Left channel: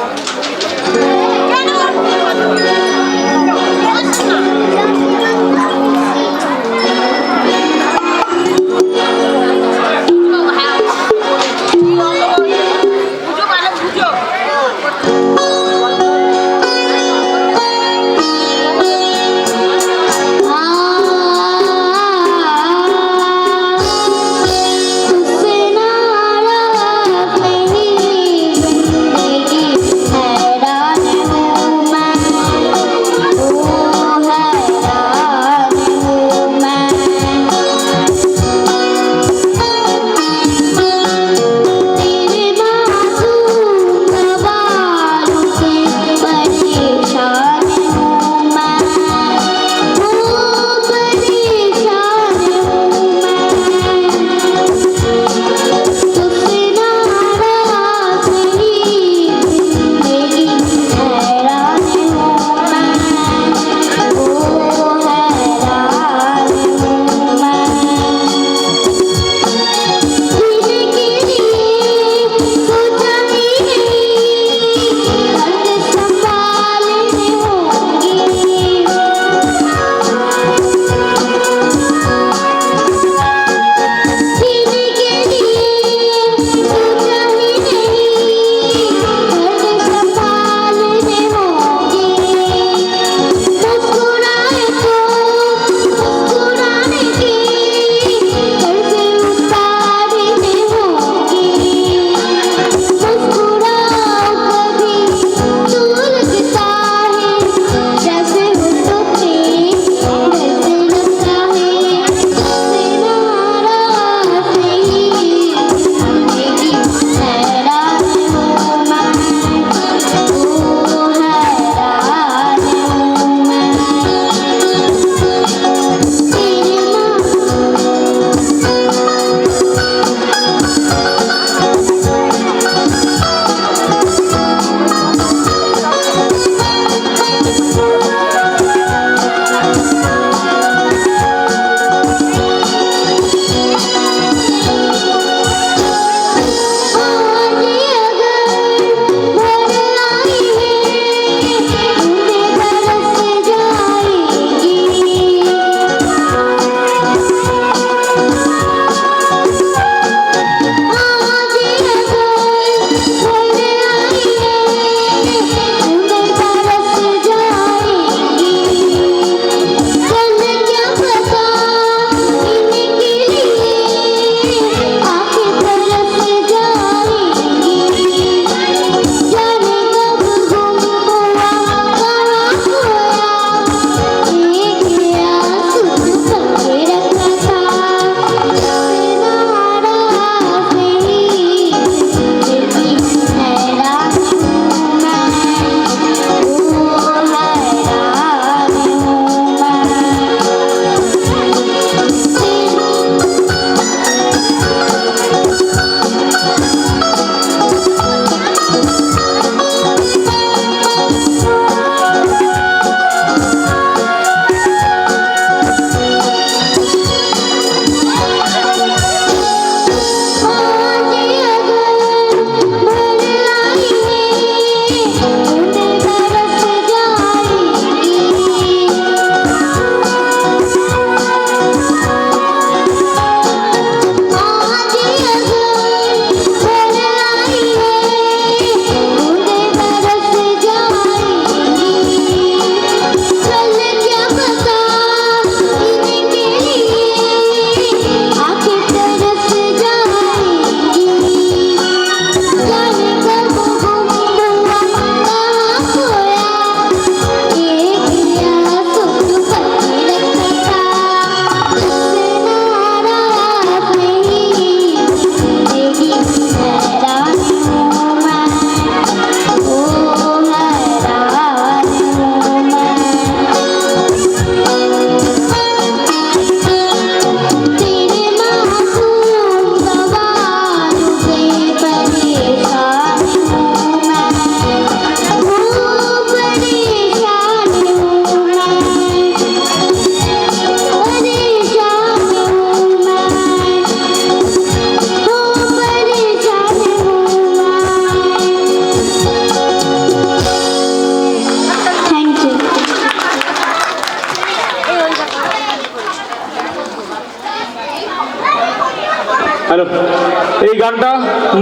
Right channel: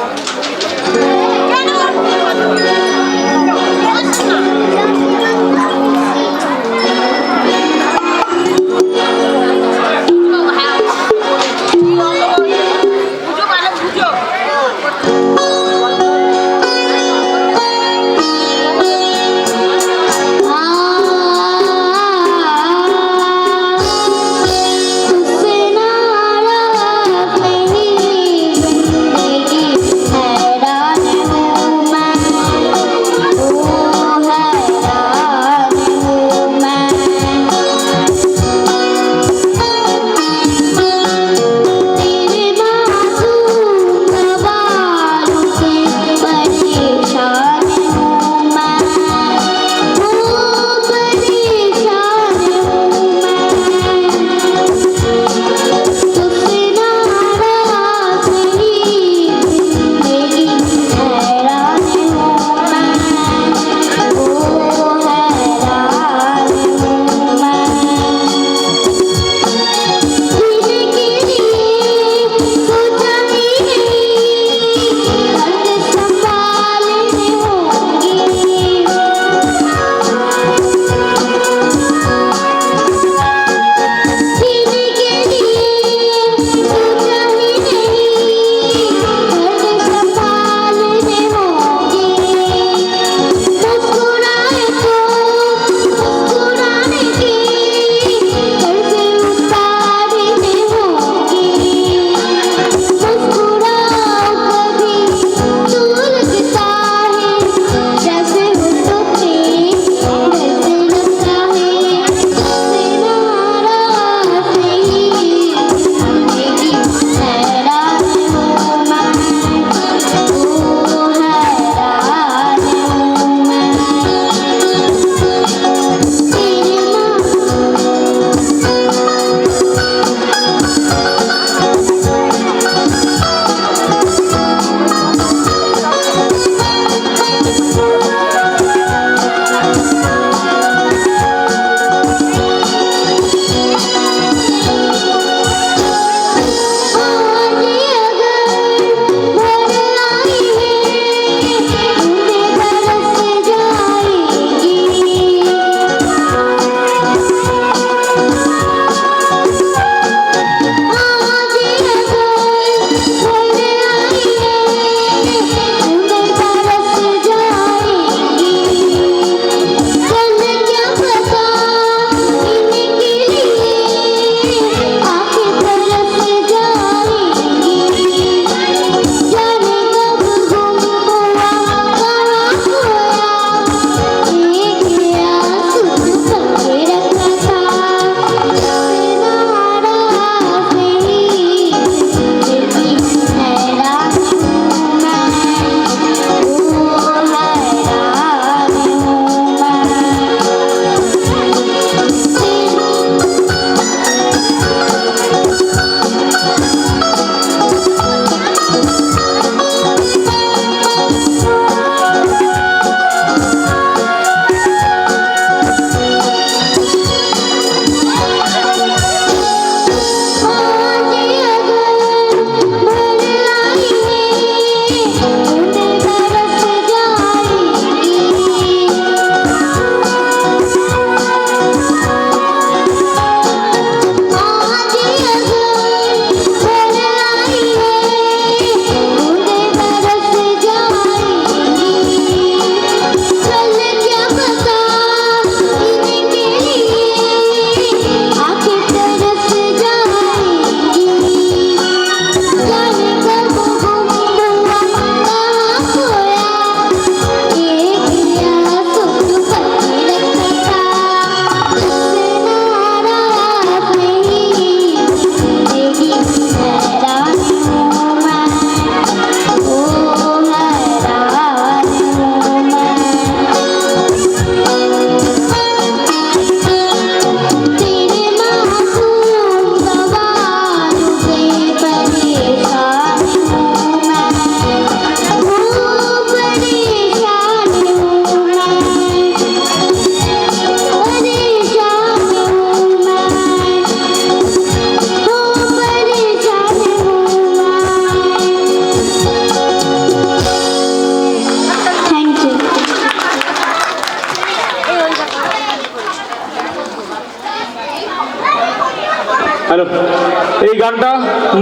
है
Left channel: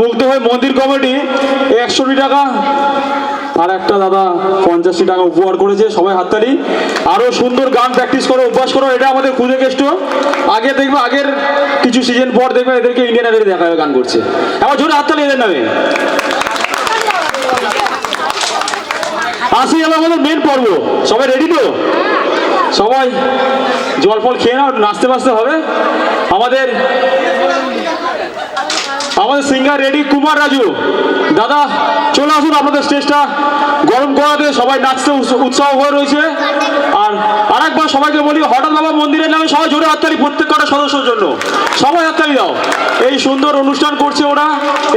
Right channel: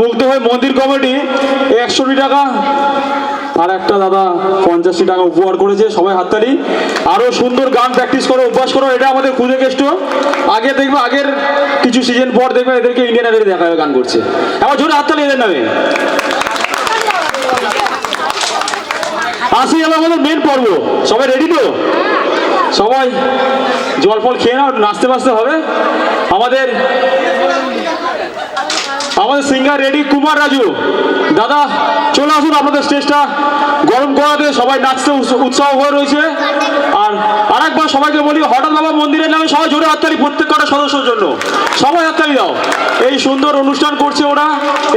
মুগ্ধ হয়ে মন্দির কমিটি 100 টাকা আর একটা দাদা 50 টাকা উপহার করেছে। সবাই হাততালি। আরো সুন্দর গান প্র্যাকটিস করো, অভ্যাস করো। এটা আমাদের খুদে কেষ্ট। আগে দেখবে, আগের কিছু সিজন পর দেখবে এদেরকে ইন্ডিয়ান আইডলে দেখা হবে গান করছে। এবার জোরে হাততালি এদের নামে। আসি এবার আমাদের মেন পর্ব। সবাই রেডি তো? সবাই জল ফল খেয়ে নাও, নাচতে বাঁচতে হবে। আমাদের সিঙ্গার রেডি, কুমার রাজু দাদা চলে আসুন। আপনাদের স্টেজটা গরম করাতে সবাই নাচতে উৎসাহ হয়ে রয়েছে। আর আরেকবার সবাইকে বলি, হঠাৎ বাবা মন্দিরের নামে সবাই জোরে হাততালি, প্রত্যেক কটা সদস্যের জন্য সবাই হাততালি দাও। এই সুন্দর অনুষ্ঠান করছে ওরা।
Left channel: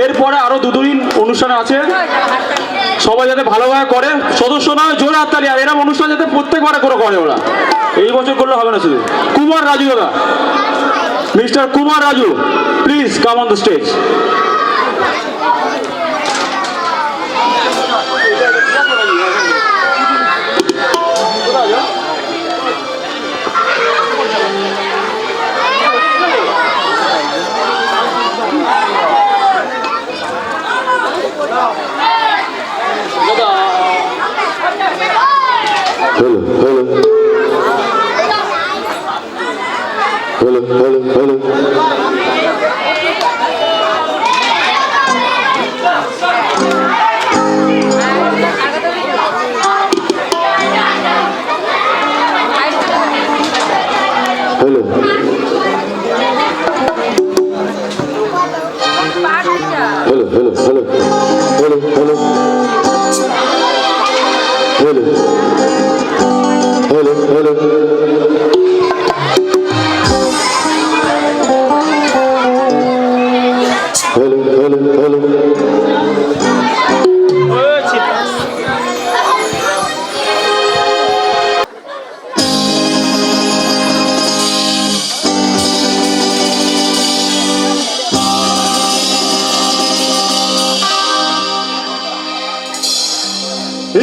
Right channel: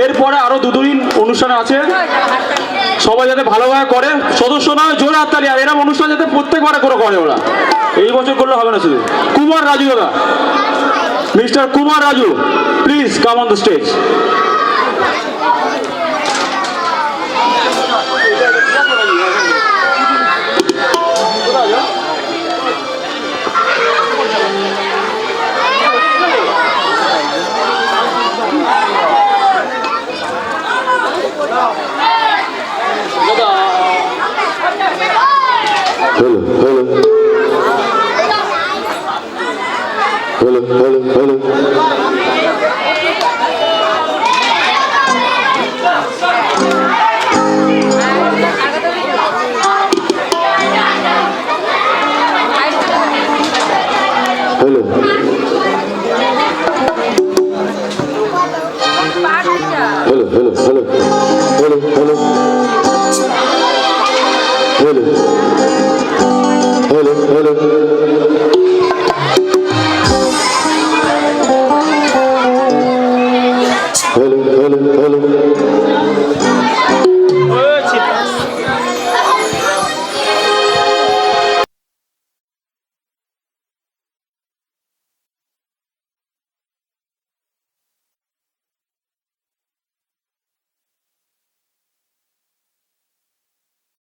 এরপরে আরো 2 দিন অনুষ্ঠান আছে, সবাই যাতে ভালোভাবে করে। সদস্য নয়, জোরে হাততালি। আর এরকম অনুষ্ঠান যাতে প্রত্যেকবারে করে ওরা, এই বছর করলে হবে না শুধু। কুমার রাজু দাদা, mister Kumar Raju, please come on the stage. Hello.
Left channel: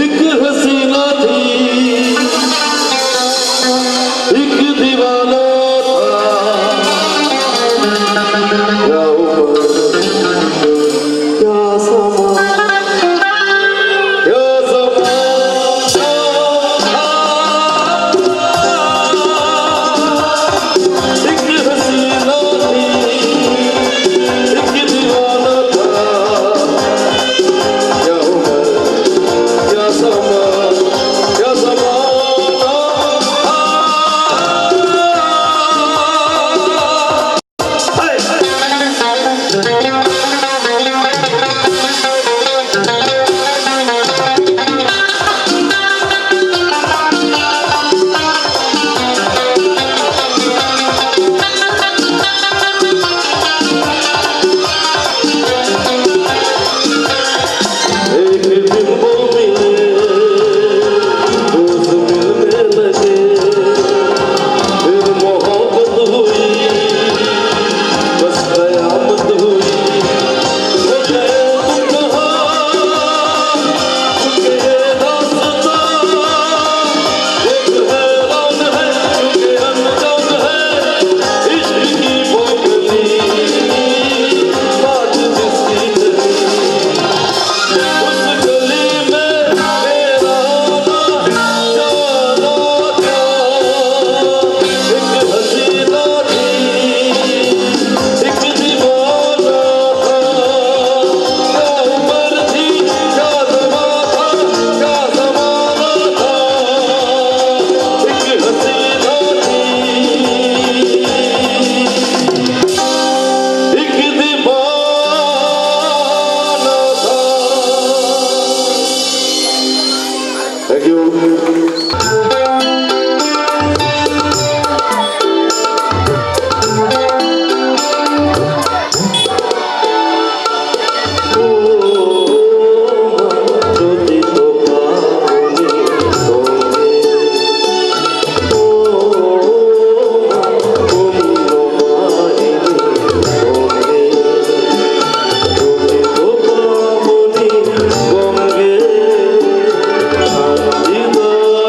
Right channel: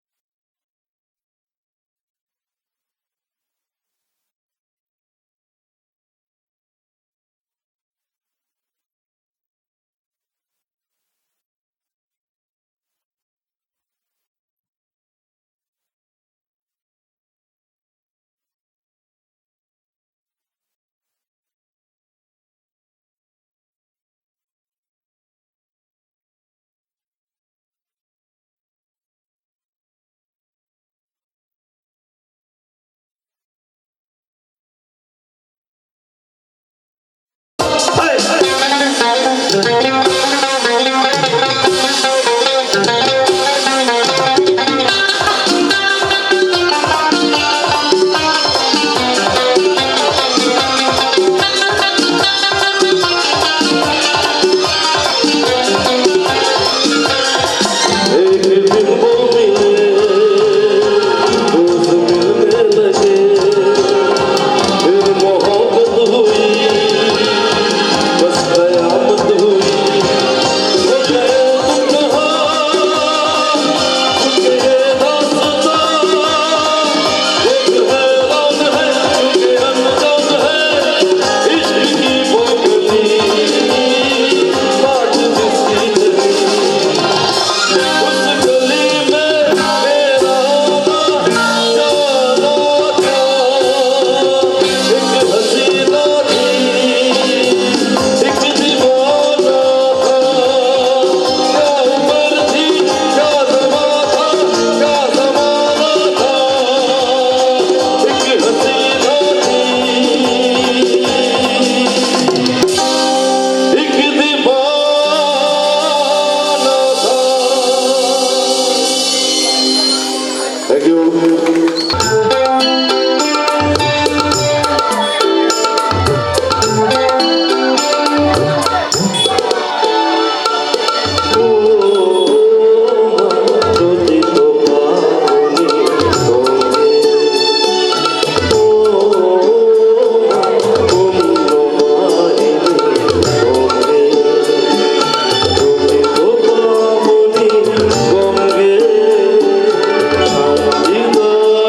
एक हसीना थी, एक दीवाना था, क्या उम्र, क्या समा, क्या ज़माना था। एक हसीना थी, एक दीवाना था, क्या उम्र, क्या समा, क्या ज़माना था। एक दिन वो मिले, दोस्त मिलने लगे, फिर मोहब्बत हुई, बस कयामत हुई। वो गए तो कहाँ, चुके ये रास्ता, एक हैरान है, चुके अनजान है, इश्क की वो गली, बाट जिसकी चली, उस गली में मेरा आना जाना था। एक हसीना थी, एक दीवाना था, क्या उम्र थी, क्या ज़मा था, क्या ज़माना था। एक हसीना थी, एक दीवाना था। Thank you. रोती तो पानी होंगे, तुम नुमाइनी होंगे, रोती तो पानी होंगे, दीदार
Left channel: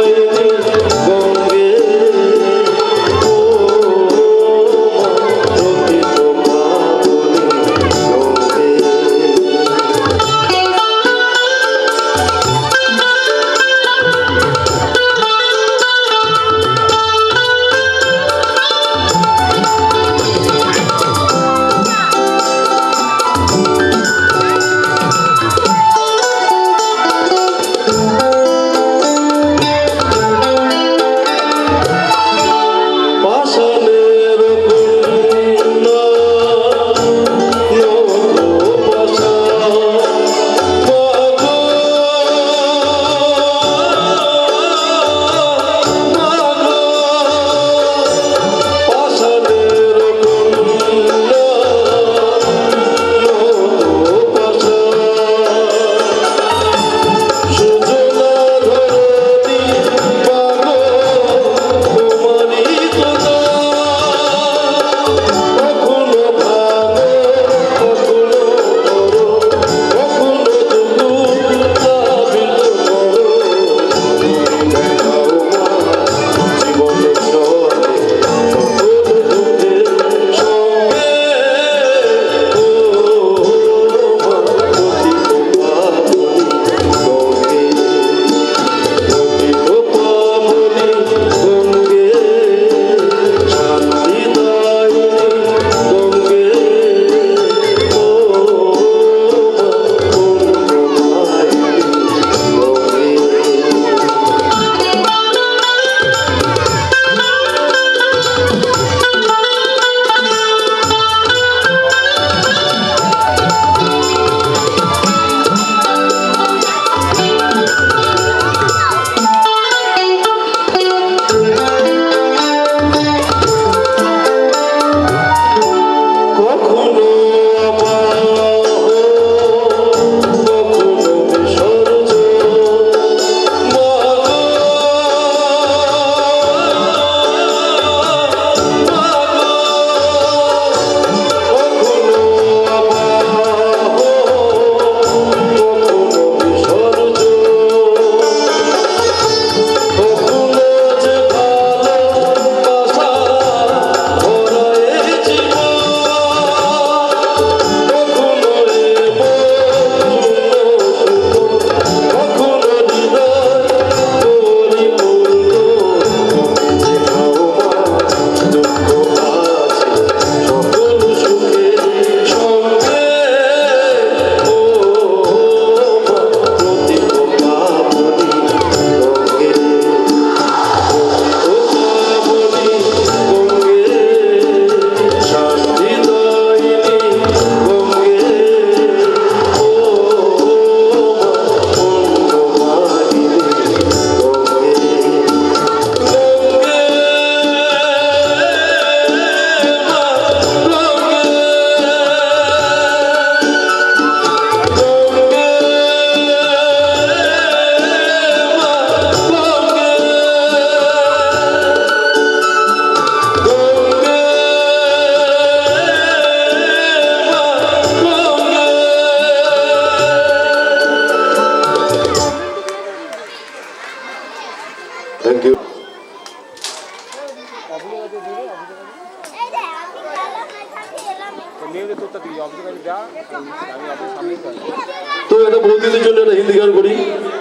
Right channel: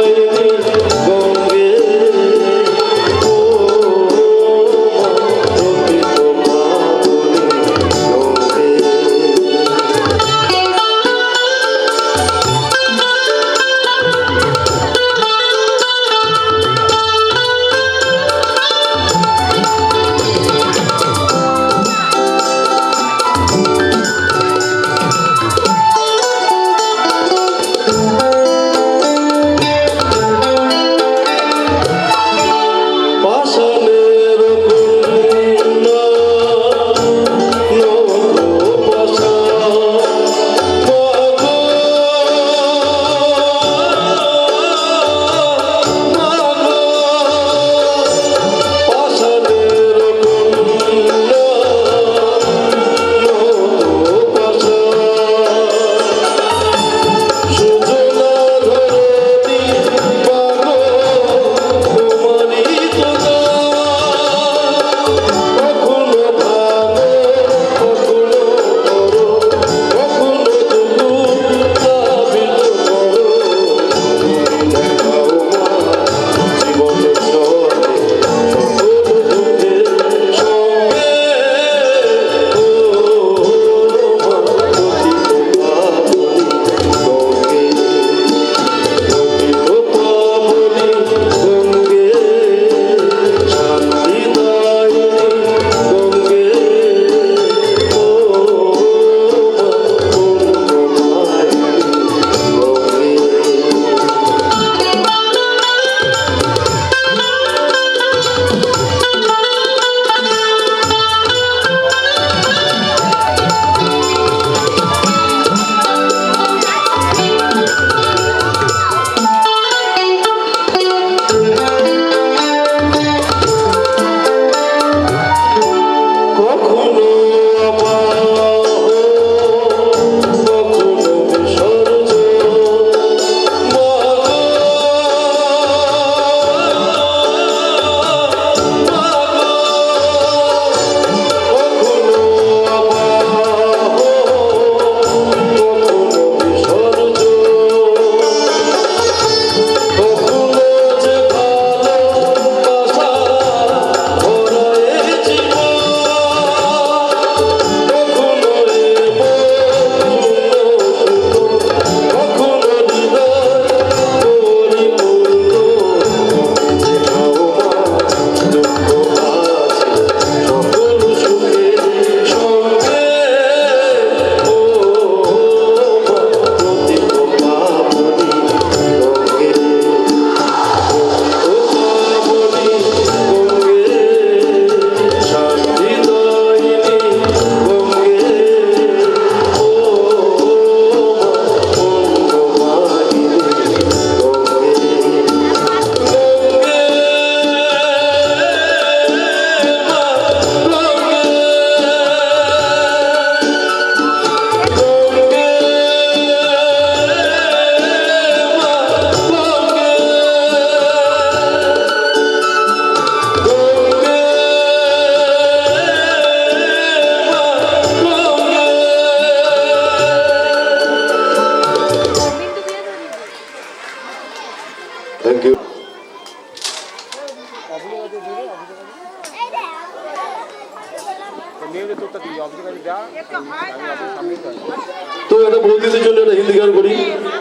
একটা বৌদিদের জন্য একটা হিন্দি গান করি।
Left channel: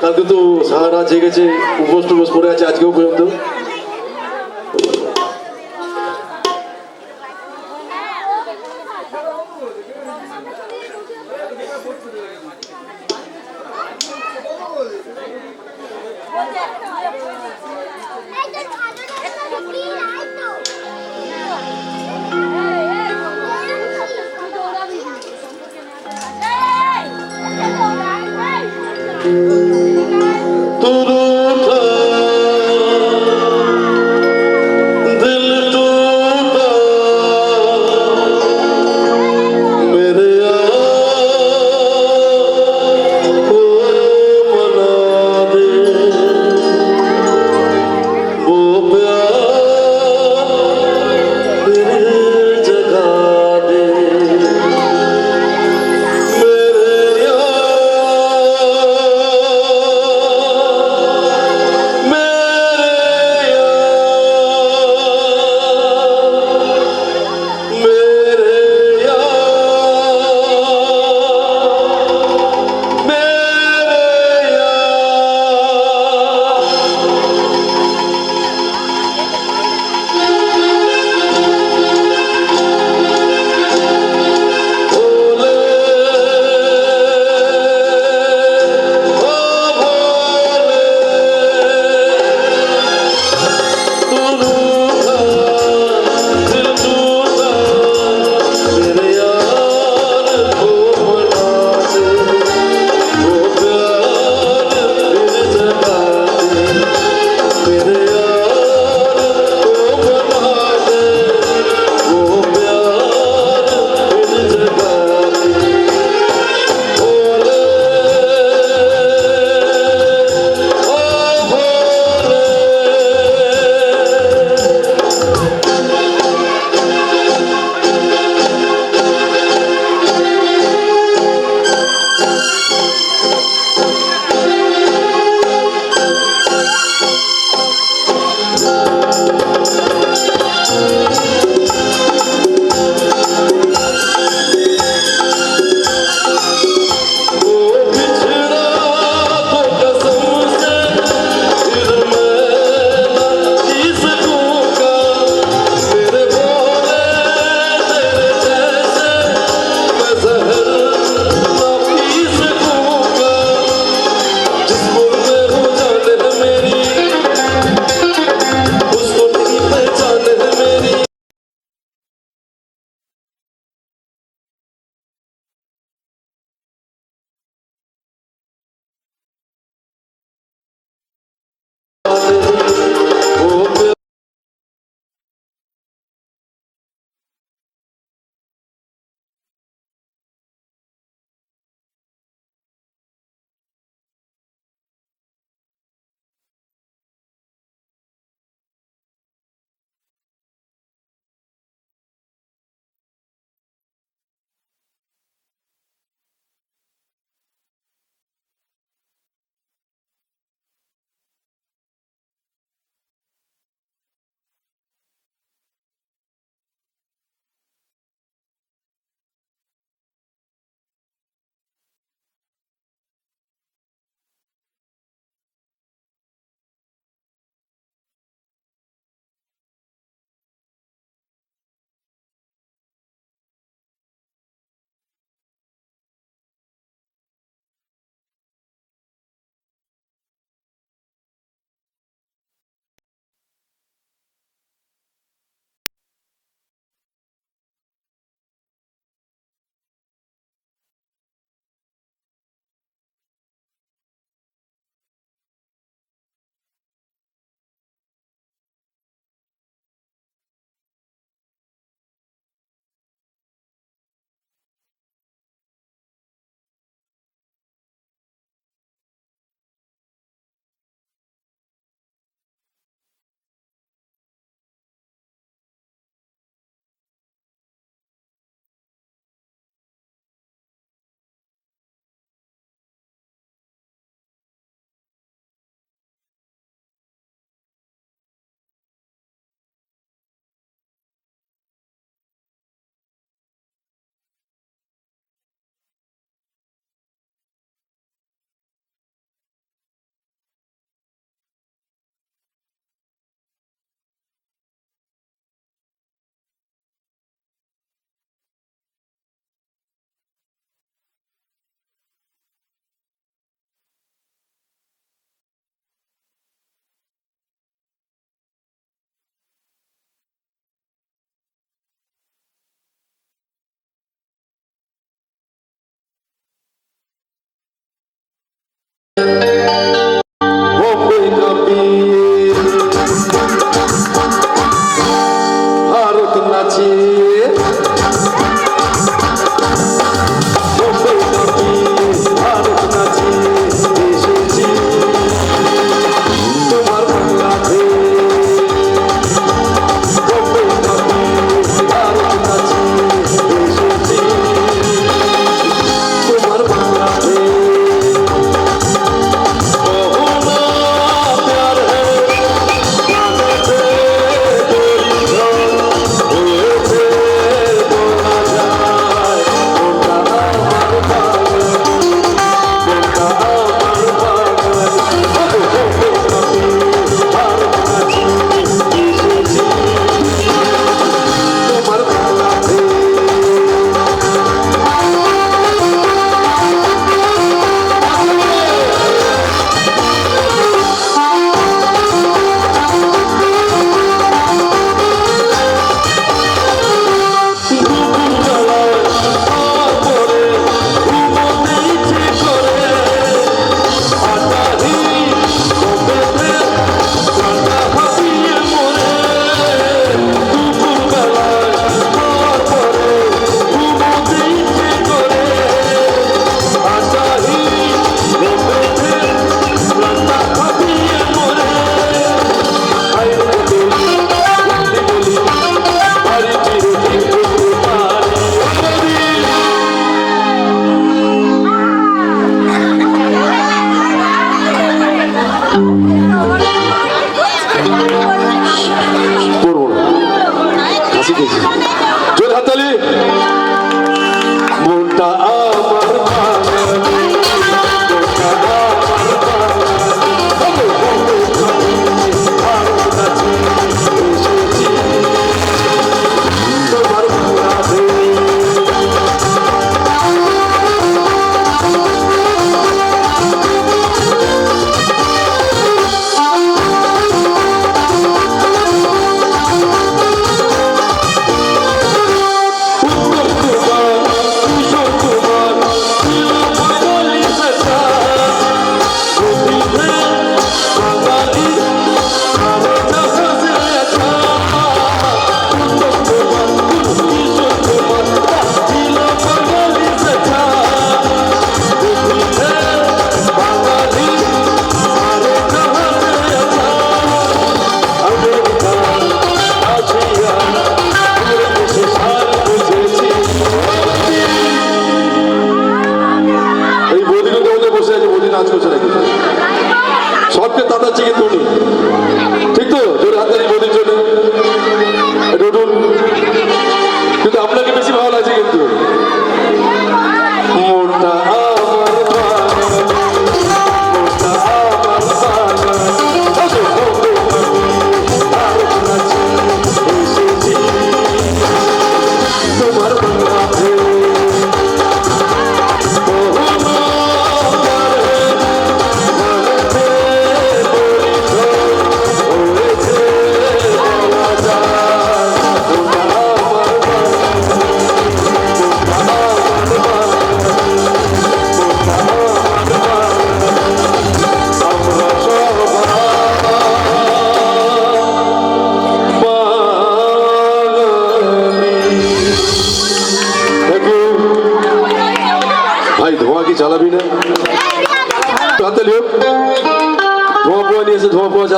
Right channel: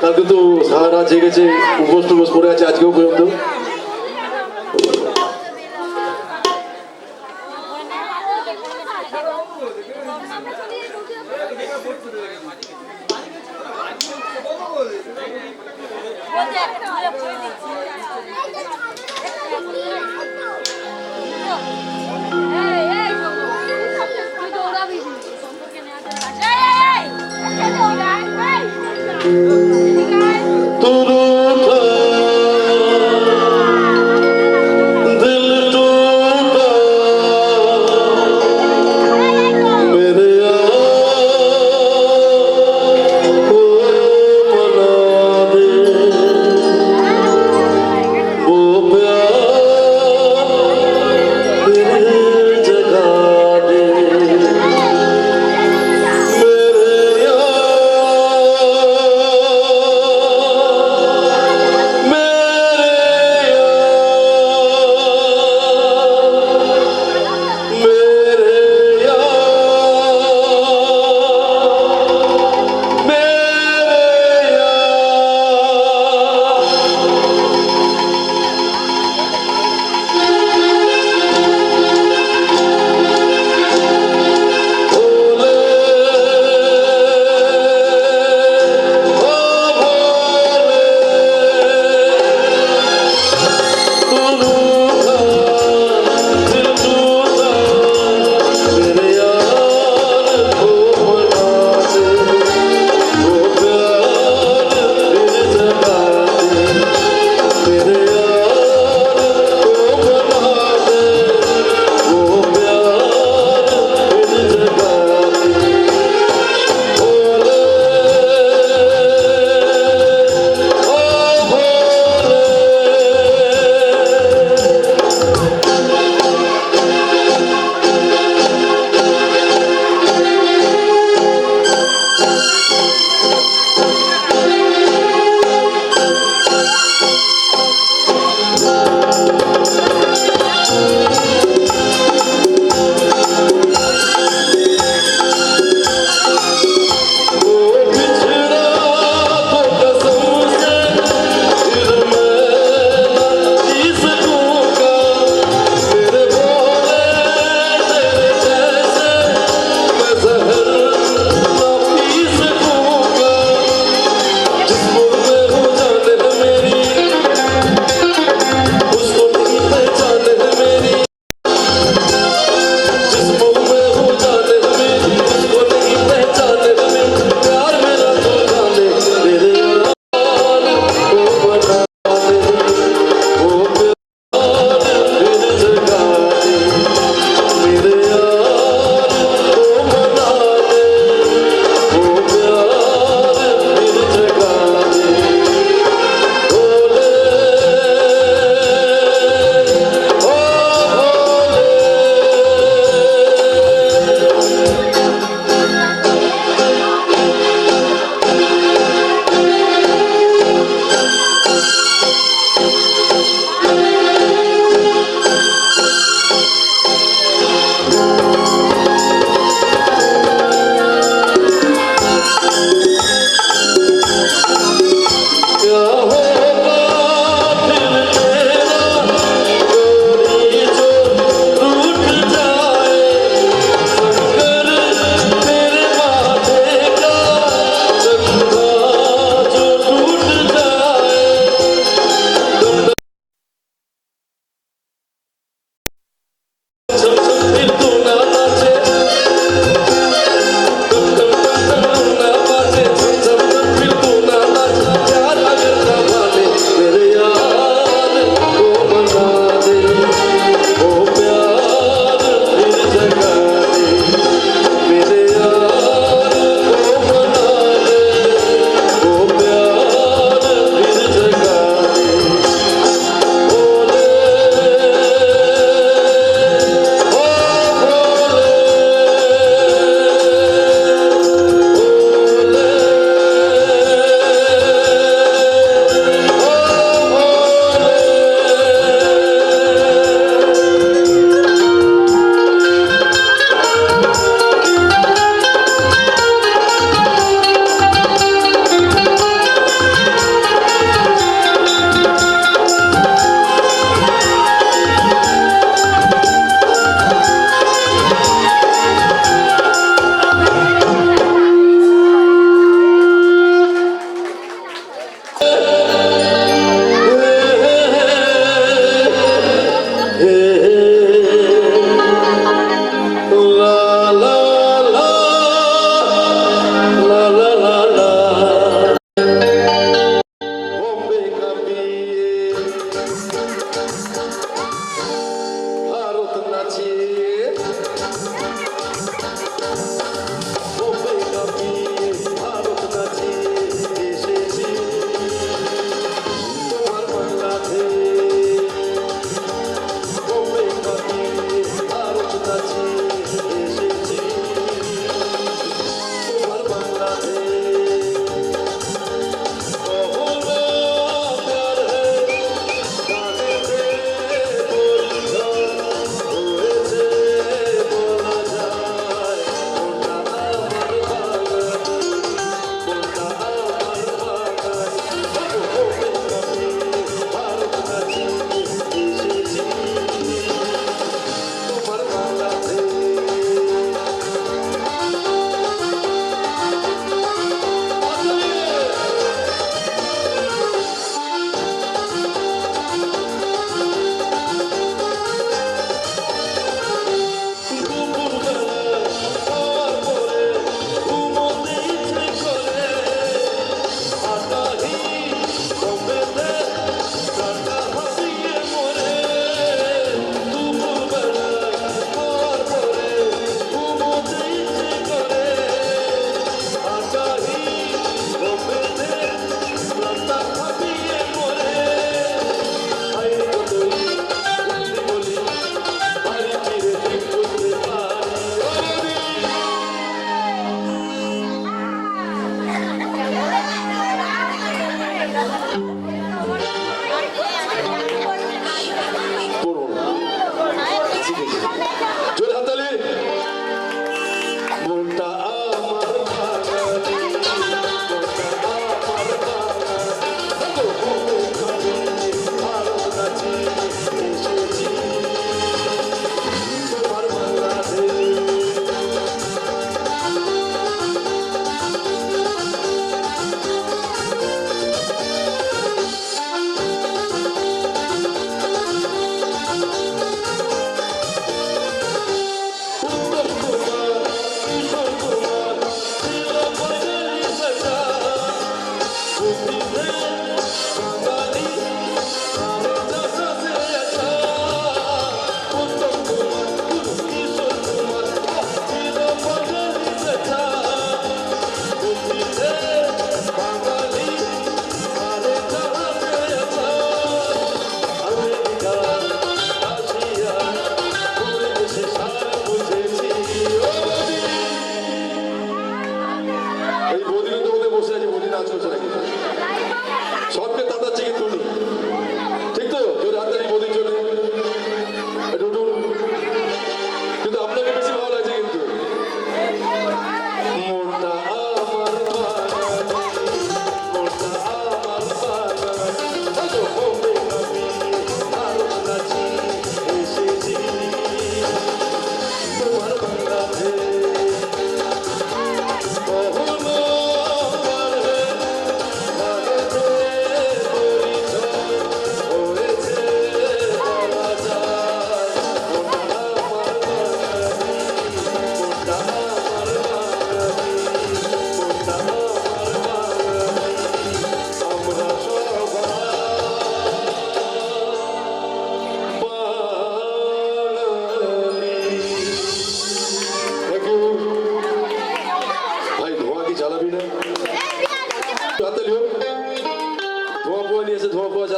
কালকে তো সারা রাত জেগেছে, উপোস টুপোস করে আছে আজকেও পর্যন্ত। तू रूठा, दिल टूटा, मेरे को मना दे, वो प्यार फिर जगा दे। मेरे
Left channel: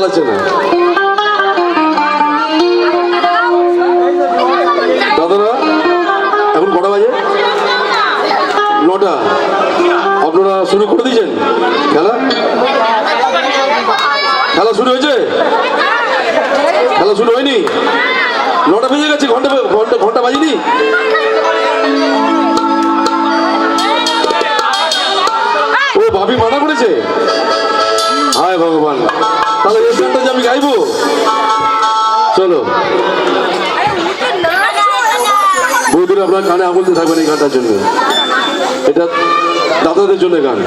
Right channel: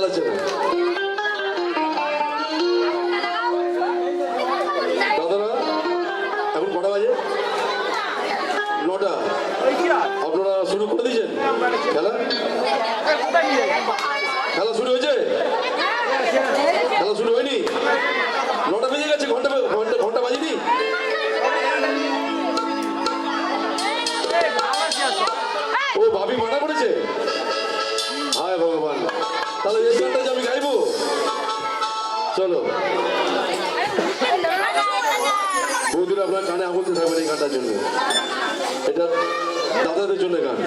চালাচ্ছে না। দাদারা এখন কটা বাজে? 9টা। আপনারা শুরু করে দিয়েছেন খেলা? খেলা শুরু হয়েছে? খেলা শুরু হয়নি? 9টা বেজে গেছে, ঘন্টা বাজিনি? ও ভাবি মানা করেছে? হায় ভগবান, তাহলে এই গানটা যে আমি গাইবো। চলো বৌদিরা, আপনার কানে আঙুল দিয়ে থাকবেন এই গানটার জন্য। এটা দাদাদের জন্য গান।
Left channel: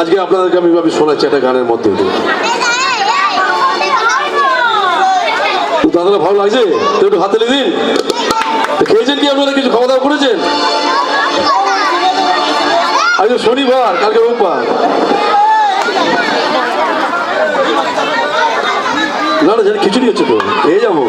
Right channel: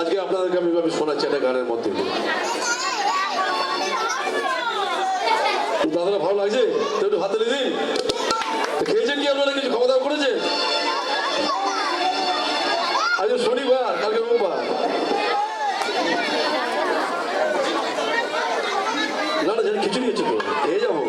আজকে আপনাদেরকে আমি ভাবে শোনাচ্ছি একটা গানের মধ্যে দিয়ে। দাদারা লাগছে তো একটু হাতে দিন। খেয়েছেন কি আপনারা, কিছু খাওয়া দাওয়া করেছেন? আজকে শনিবার, কালকে রোববার। না না, জানি খিচুড়ি হচ্ছে তো, খেয়ে যাবো।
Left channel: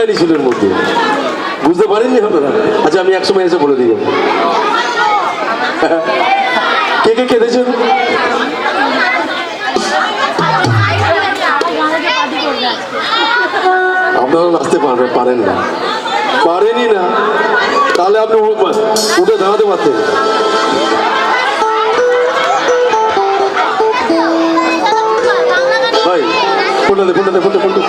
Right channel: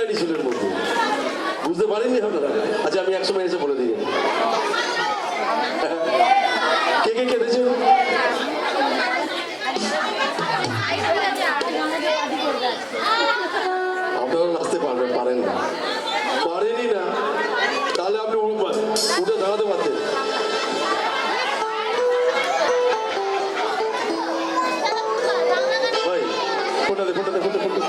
কাহিনী ছিল এর মধ্যে, বুঝতে পারেননি আপনারা? আচ্ছা আমি একসময় এসে বলে দিই। কে কে কেঁদেছেন? আপনারা নাচতে পারেন না, পারেনই না, তাহলে আপনি উঠে দাঁড়াতে পারতেন। ভাই ফোনটা দে।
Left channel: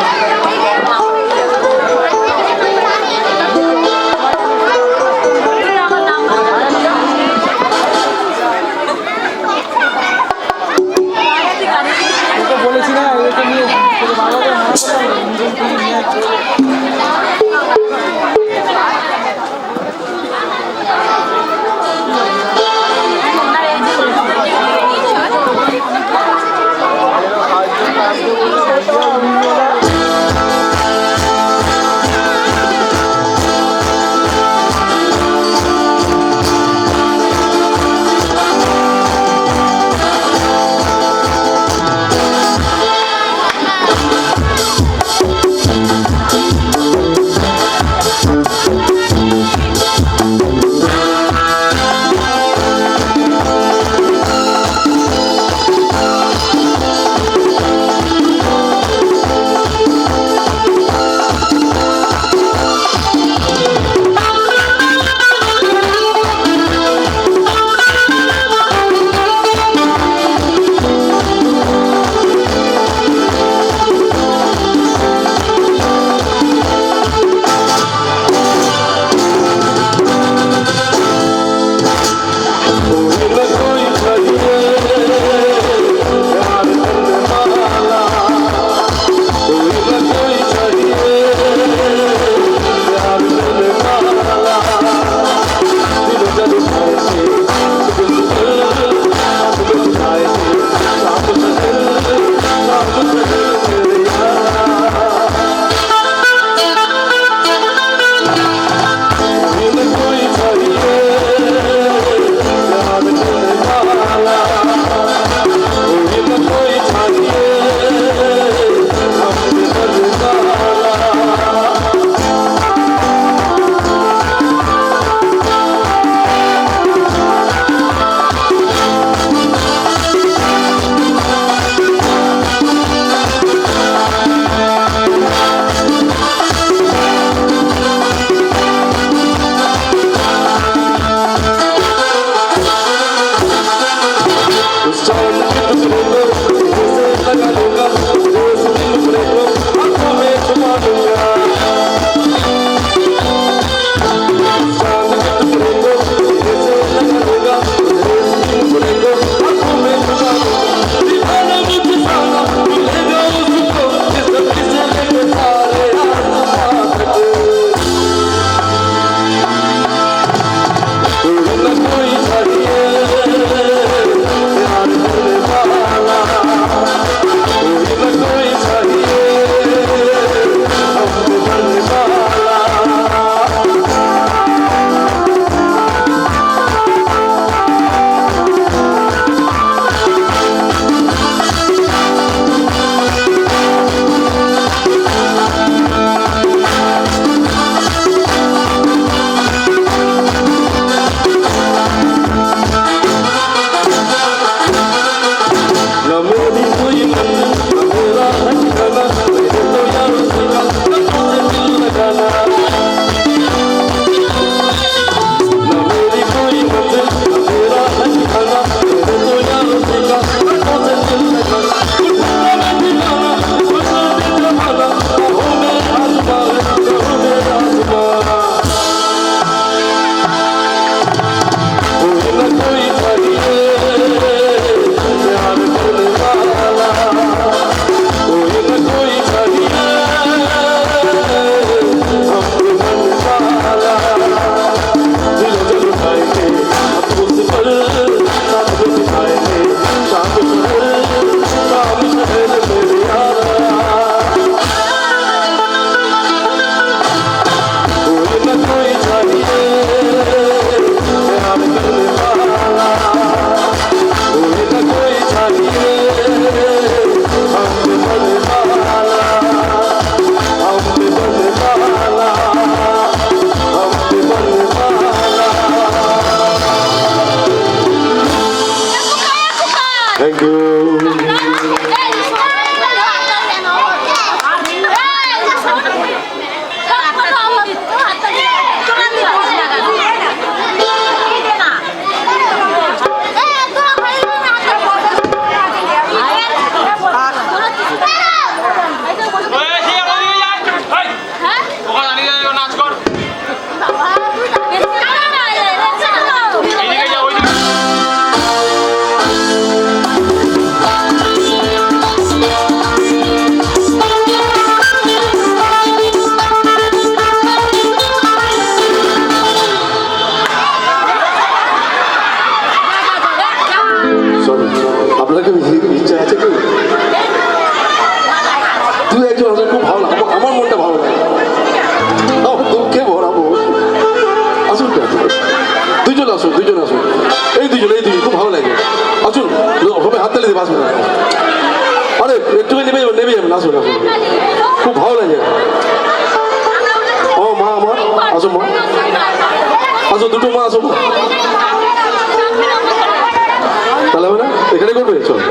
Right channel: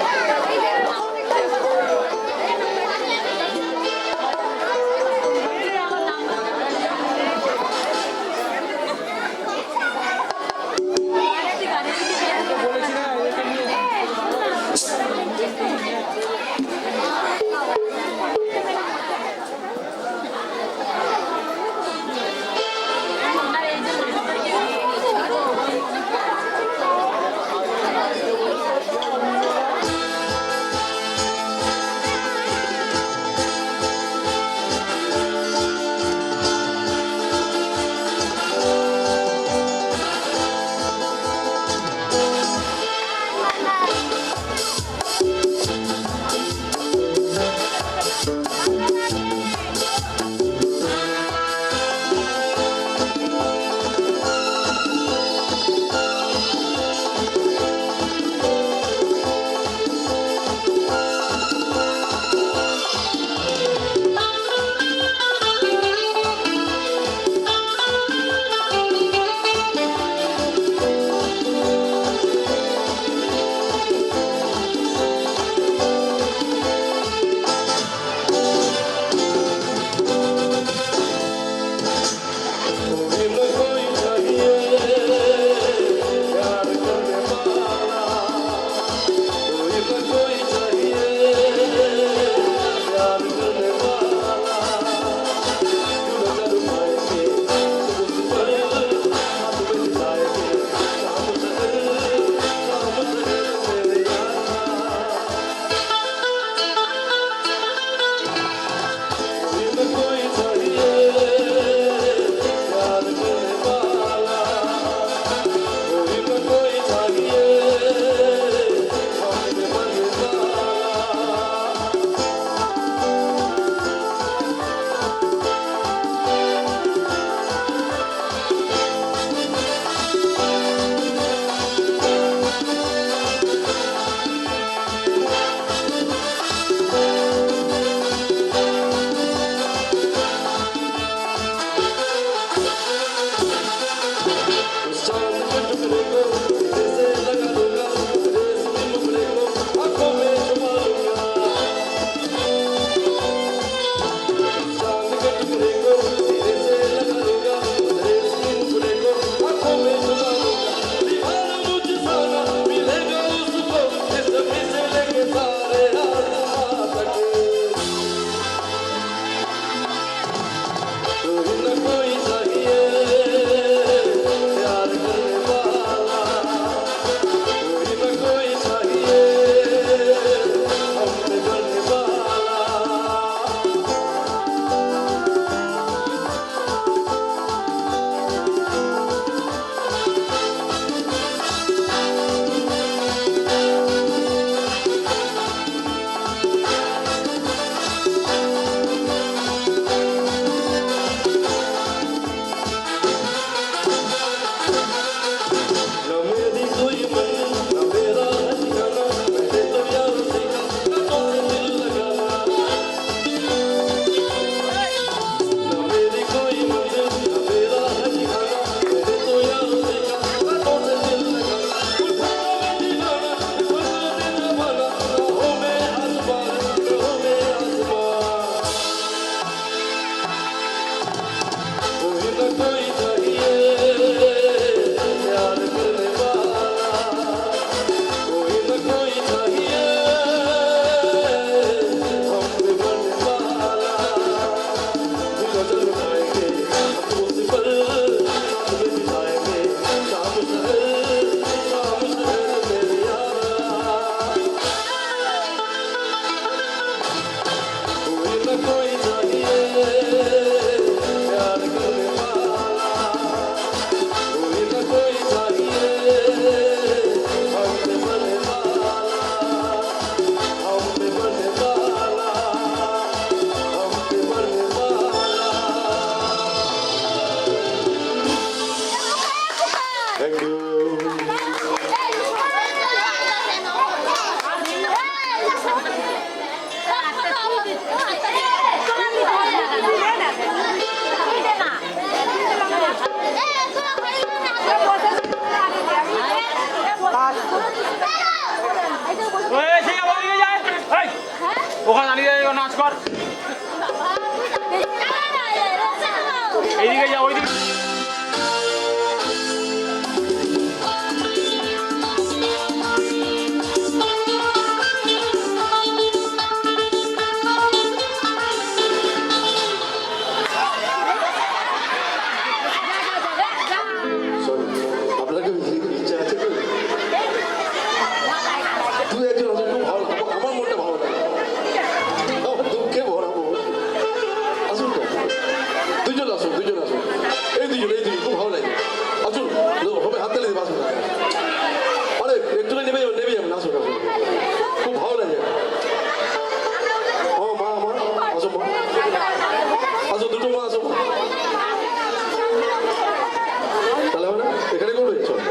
গাড়ি করবে? চলো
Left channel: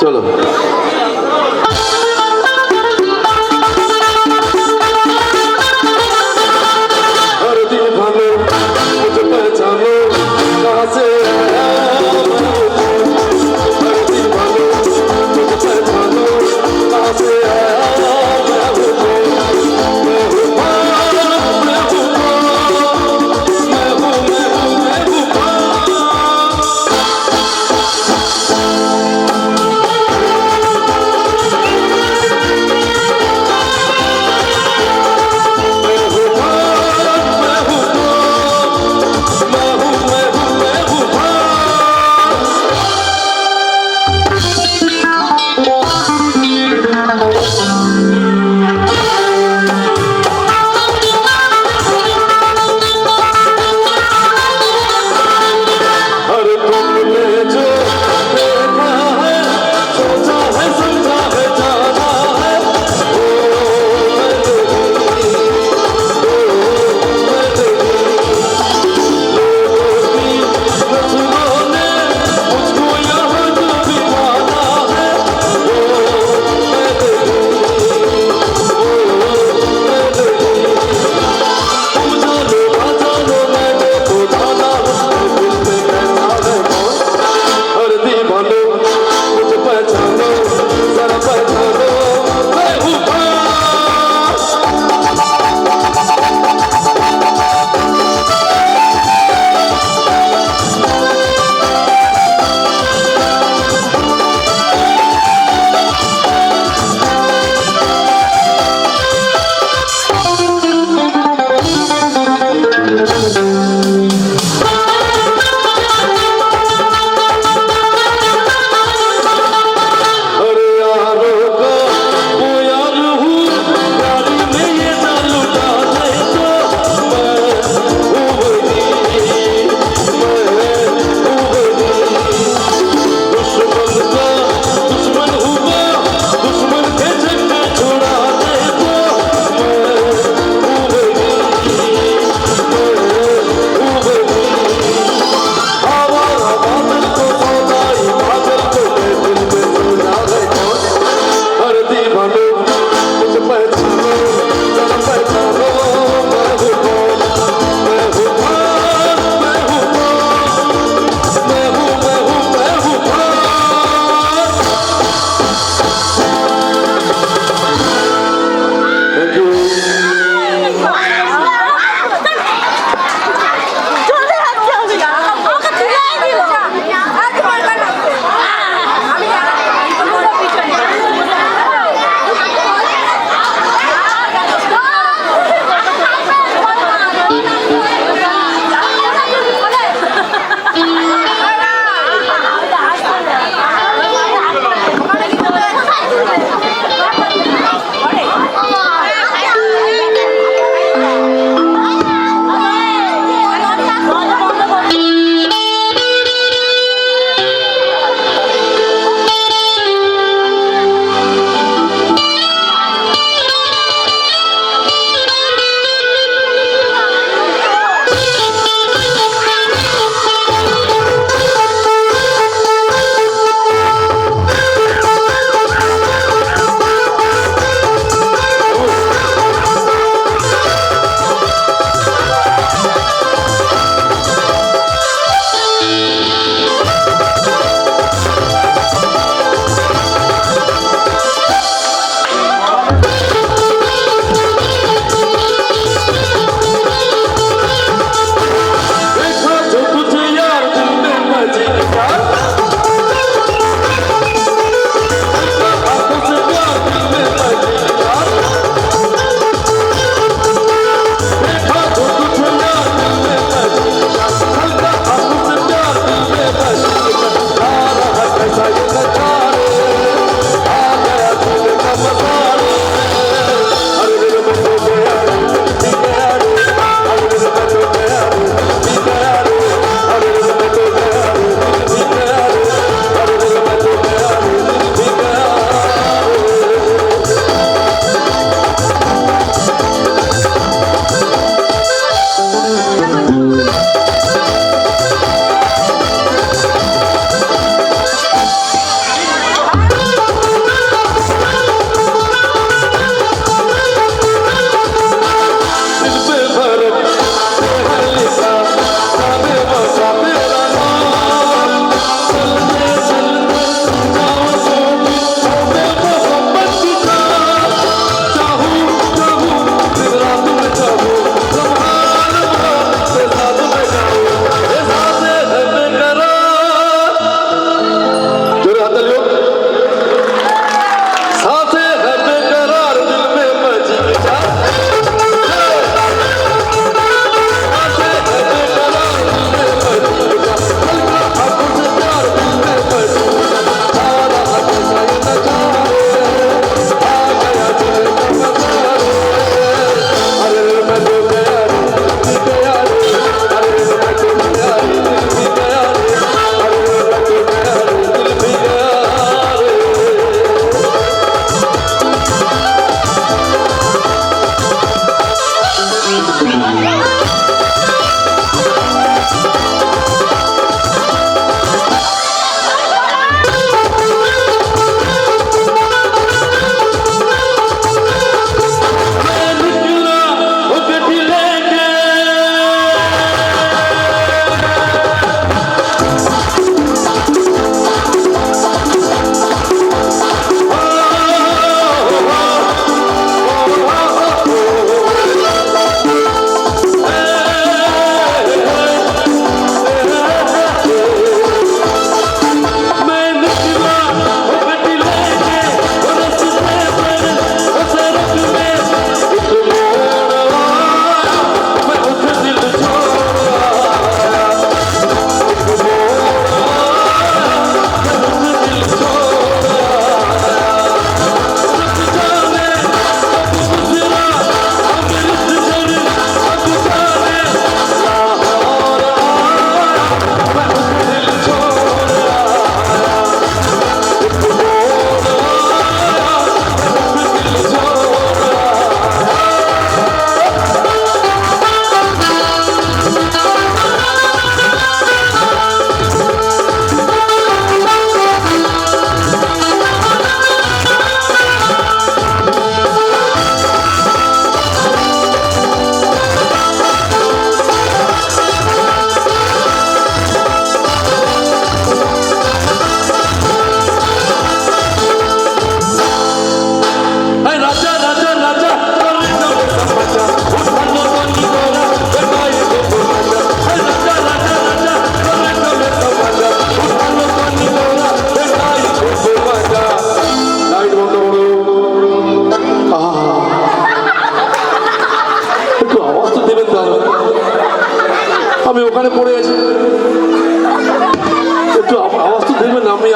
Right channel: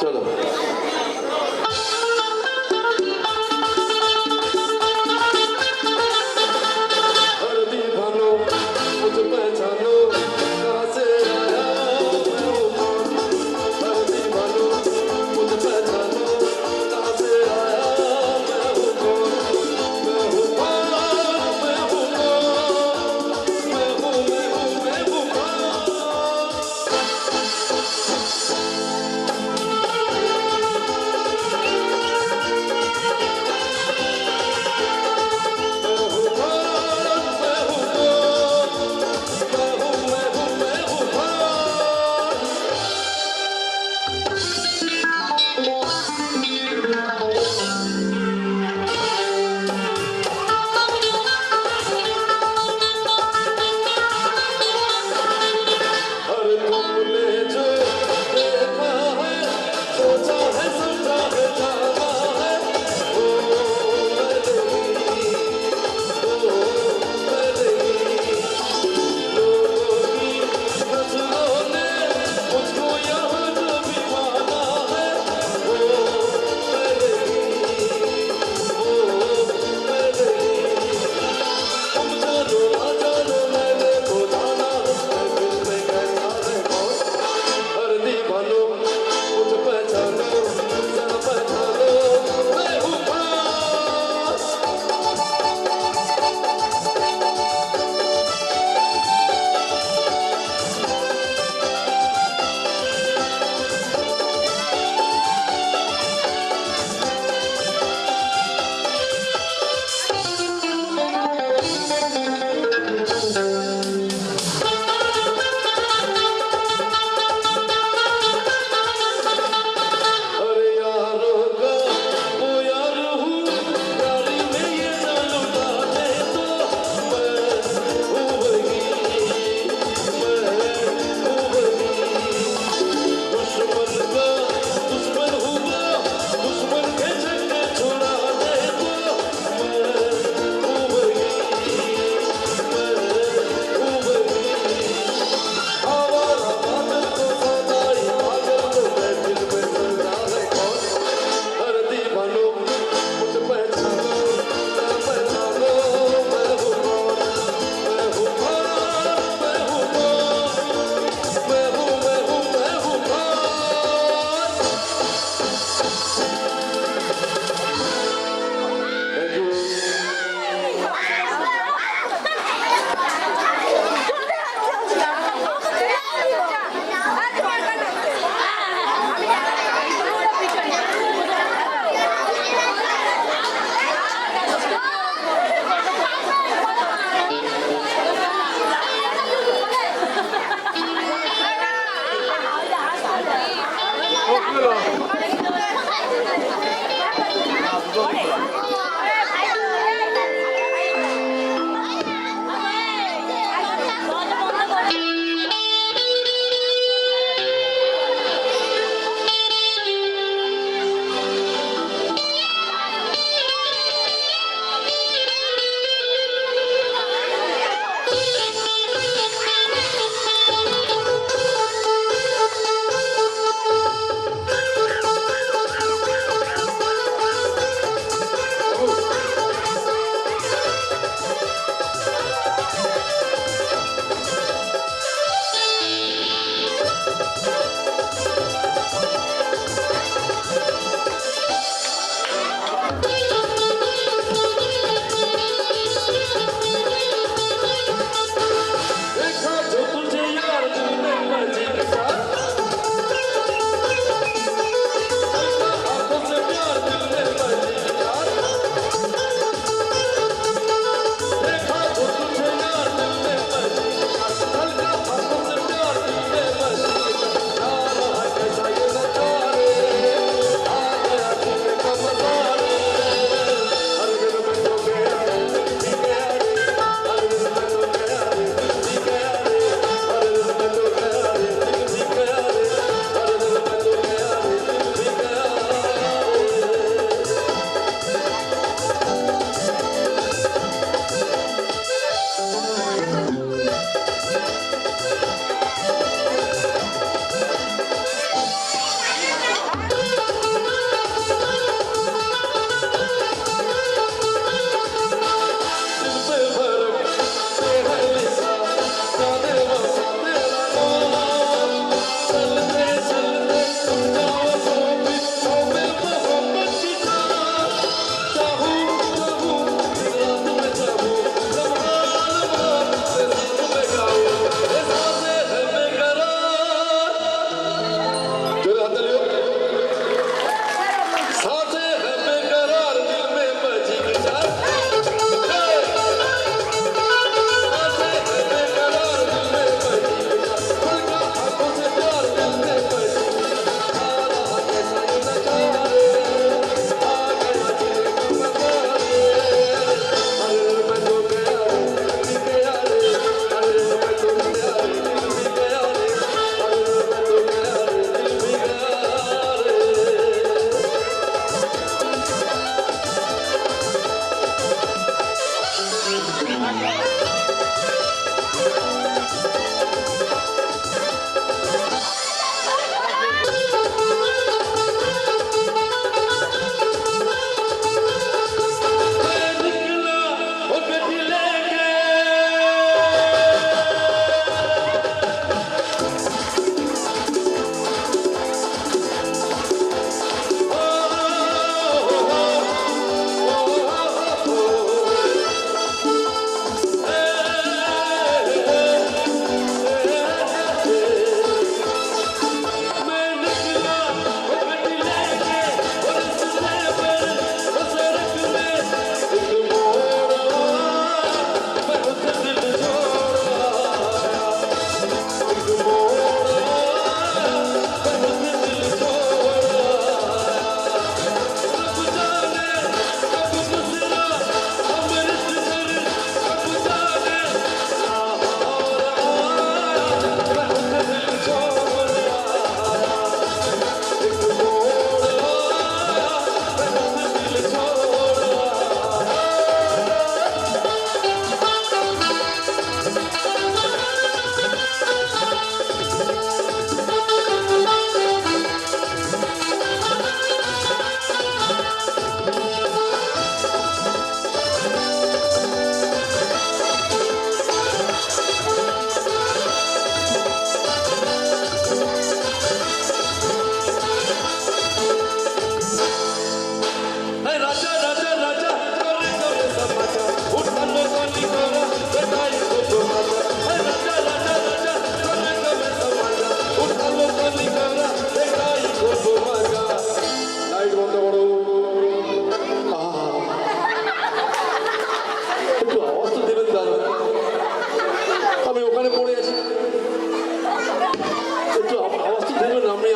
চলো। हर दिन भालो मुझे पहचानो कहाँ से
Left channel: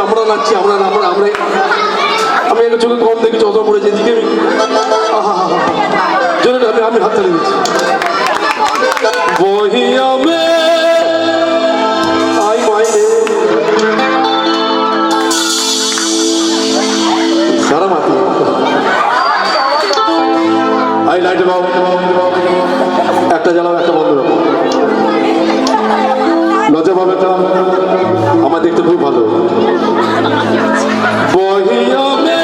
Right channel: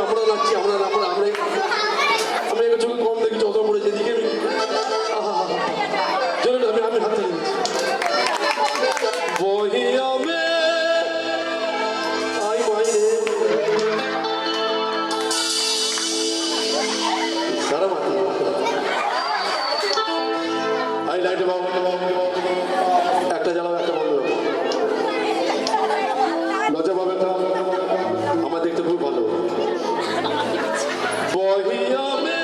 আমরা নাচছি আমরা আমরা আমরা আমি একটা চোখে কম দেখেছি অত করে যেদিকে জোরে আমি হাত তালি দিচ্ছি বহিয়া মে আই মাইনে সারা মাতি আই লাইট বাবু একটা জ্বালাও একটা বন্ধ রাখো লজ্জা পাবে না আমার দেখতে খুব ভালো বহিয়া মে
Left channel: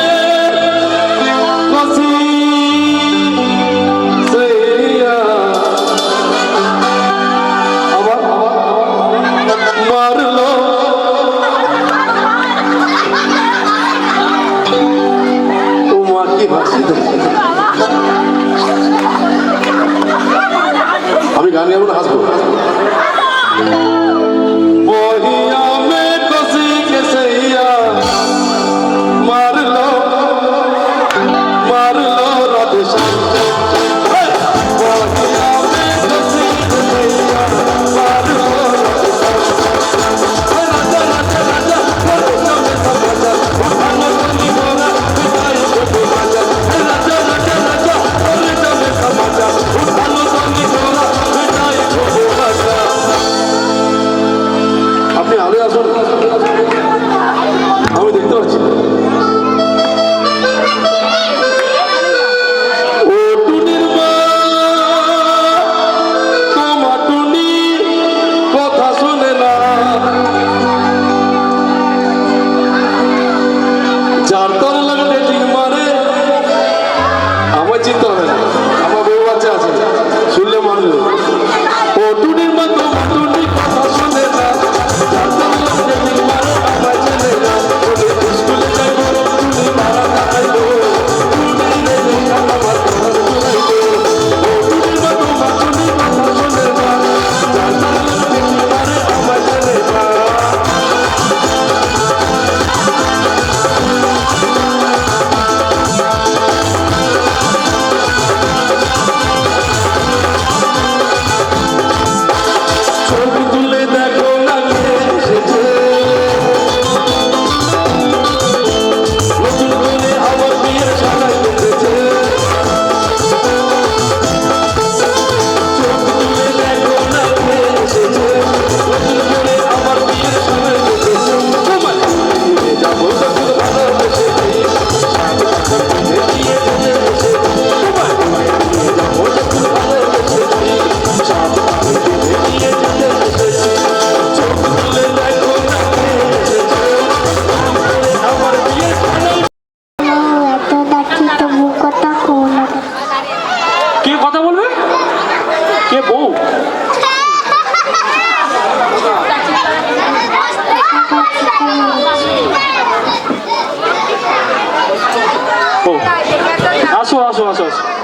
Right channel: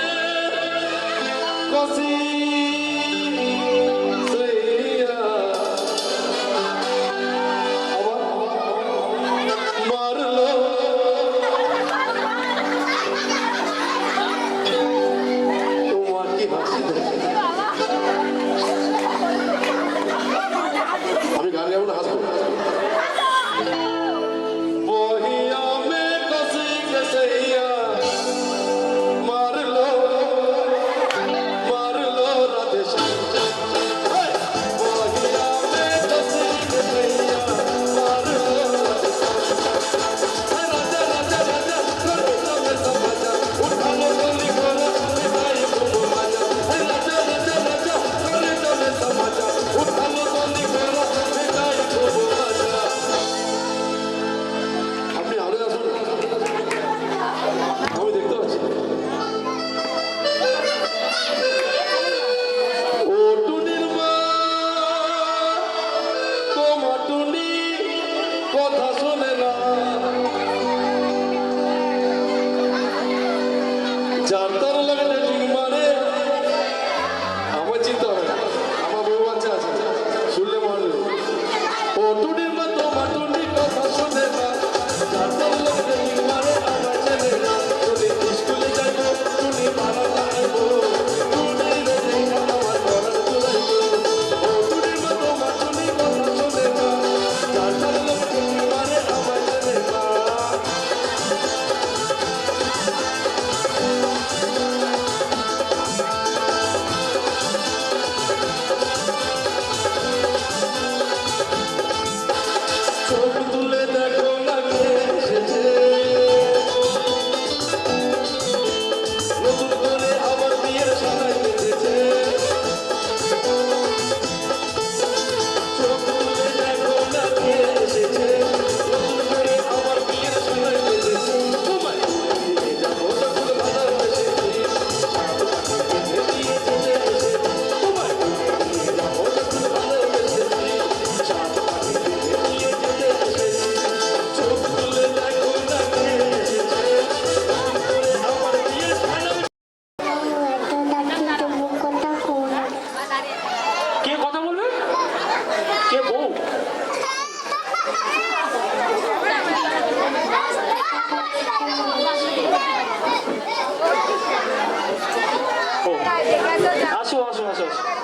খুশি সইয়া আবার মারলো তোমার কি ভাষা আমি গান গাবো না হাসবো বহিয়া মে খুশি কে সইয়া মারলো মারলো রাধে শ্যাম বহিয়া মে খুশি কে সইয়া মারলো রাধে রাধে রাধে রাধে রাধে ভালো করি গোনা বিদায় করতে রাজা রাধে রাধে রাধে রাধে সমাজা ভালো করি গোনা বিদায় করতে রাজা আপনি আরে আসুন আমি দেখতে পাচ্ছি ও টুনির মা তোমার টুনি কথা শুনে না যার তর লাগে ডেটিং মারে আমার চিন্তা হবে না আমার বউ বাচ্চা আছে শুনলে মানবে ও টুনির মা তোমার টুনি কথা শুনে না যার তর লাগে ডেটিং মারে আমার চিনে না স্কুলে যাবো টুনি মারা খাইলো টুনি রে আমার ঘর ঘুরাইলো টুনির মা তোমার টুনি কথা শুনে না যার তর লাগে ডেটিং মারে আমার চিনে না ছবি তুলে দেখো না কে এসেছে নতুন করে আমার বিয়ে সাজাই বেঁধেছে ছবি তুলে দেখো না কে এসেছে নতুন করে আমার বিয়ে সাজাই বেঁধেছে তোমার ফিরে যাবো যখন ভালোবেসেছি দেখিয়ে দিতে এসেছি তোমার ফিরে যাবো যখন ভালোবেসেছি দেখিয়ে দিতে এসেছি ছবি তুলে দেখো না কে এসেছে আমার বিয়ে সাজাই এত ডাকি তবু কথা কোন কে কথা বলবে কে বউ ও আসো আসো আসো আসো